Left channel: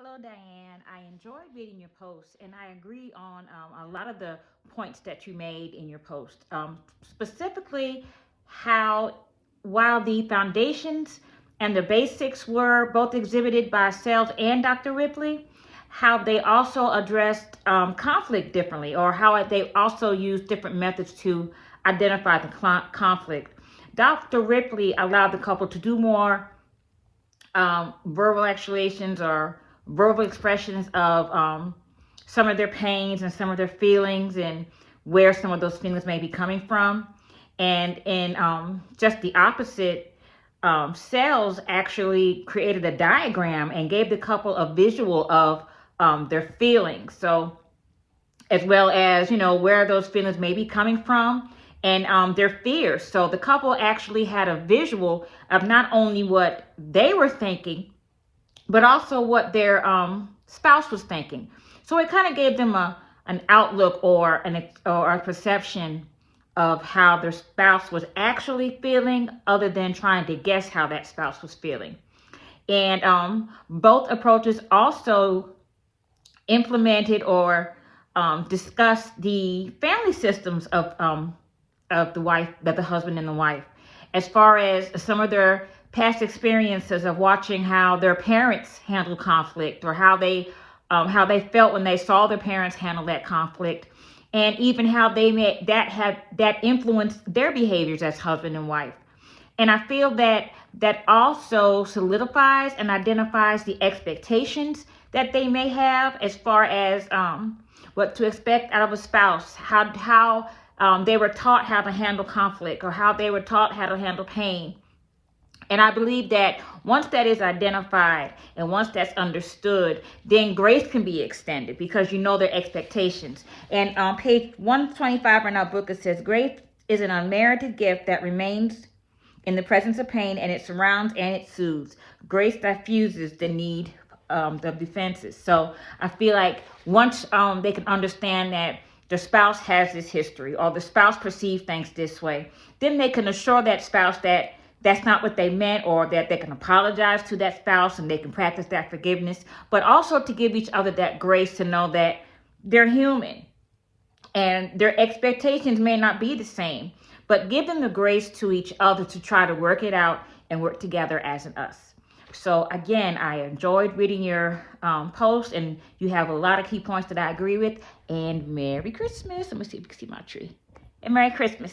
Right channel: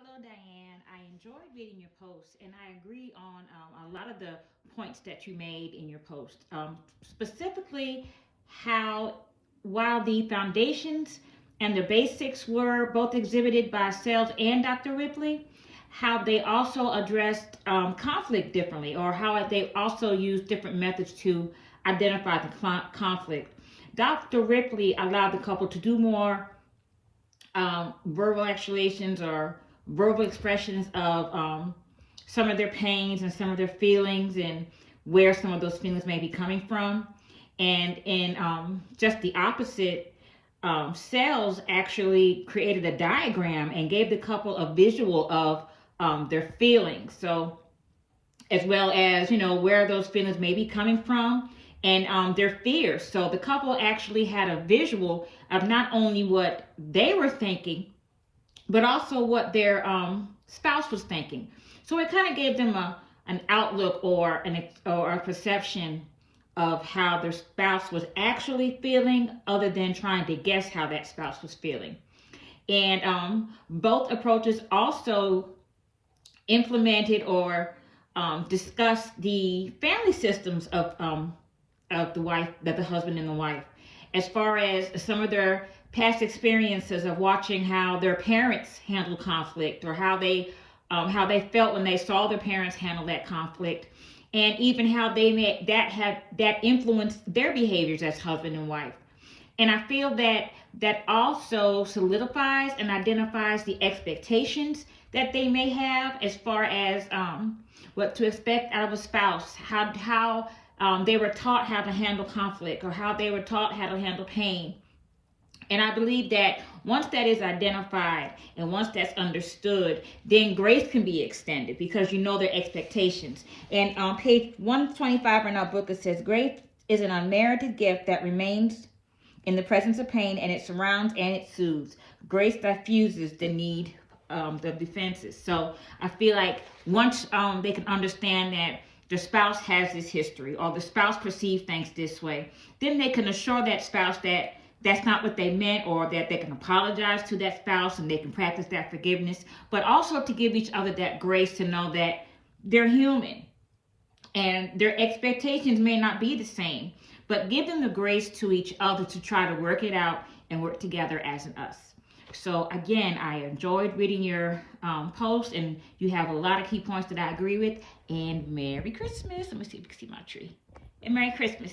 Hello, Diane. I enjoyed reading your post, and I agree on a lot of the points that you made in your post. Specifically, how while the foundations and the basics were both exhibited by Sales and Dr. Ripley, how they also addressed conflict differently, or how they also used different methods to identify the conflict. Dr. Ripley allowed the couple to do more verbal actuations or verbal expressions of some of their pains and some of their feelings and where some of those feelings may be coming from. And in just the opposite, Sales actually created a diagram and gave the couple a visual of their feelings. So as well as, where those feelings may be coming from and their fears. So the couple actually had a visual of not only what they were thinking, but also what their spouse was thinking. So it kind of gave them an outlook or a perception of how their spouse was actually feeling, other than trying to guess how that spouse was feeling. And both approaches also implemented or discussed the family systems of the husband and the wife, as far as some of their past experiences of watching how their parents handle conflict, or how they felt when they saw their parents handle that conflict, and even how that influenced their behaviors as husband and wife. And I feel that also solidifies and identifies the expectations that they may have, as far as what to expect out of a spouse, how they were taught how to handle conflict, or how they were taught how to handle pain. And I believe that once that is identified and once that's understood, then grace can be extended, because you know their expectations. And on page 125 in our book, it says, grace is an unmerited gift that remains in the presence of pain, and it surrounds and it soothes. Grace diffuses the need of defenses. So I feel like once they can understand that the spouse has this history, or the spouse perceives things this way, then they can assure that spouse that that's not what they meant, or that they can apologize to that spouse and they can practice that forgiveness, but also to give each other that grace to know that they're human and their expectations may not be the same, but give them the grace to each other to try to work it out and work together as an us. So again, I enjoyed reading your post, and you have a lot of key points that I agree with. And Merry Christmas. Let me see if you can see my tree. And Merry Christmas.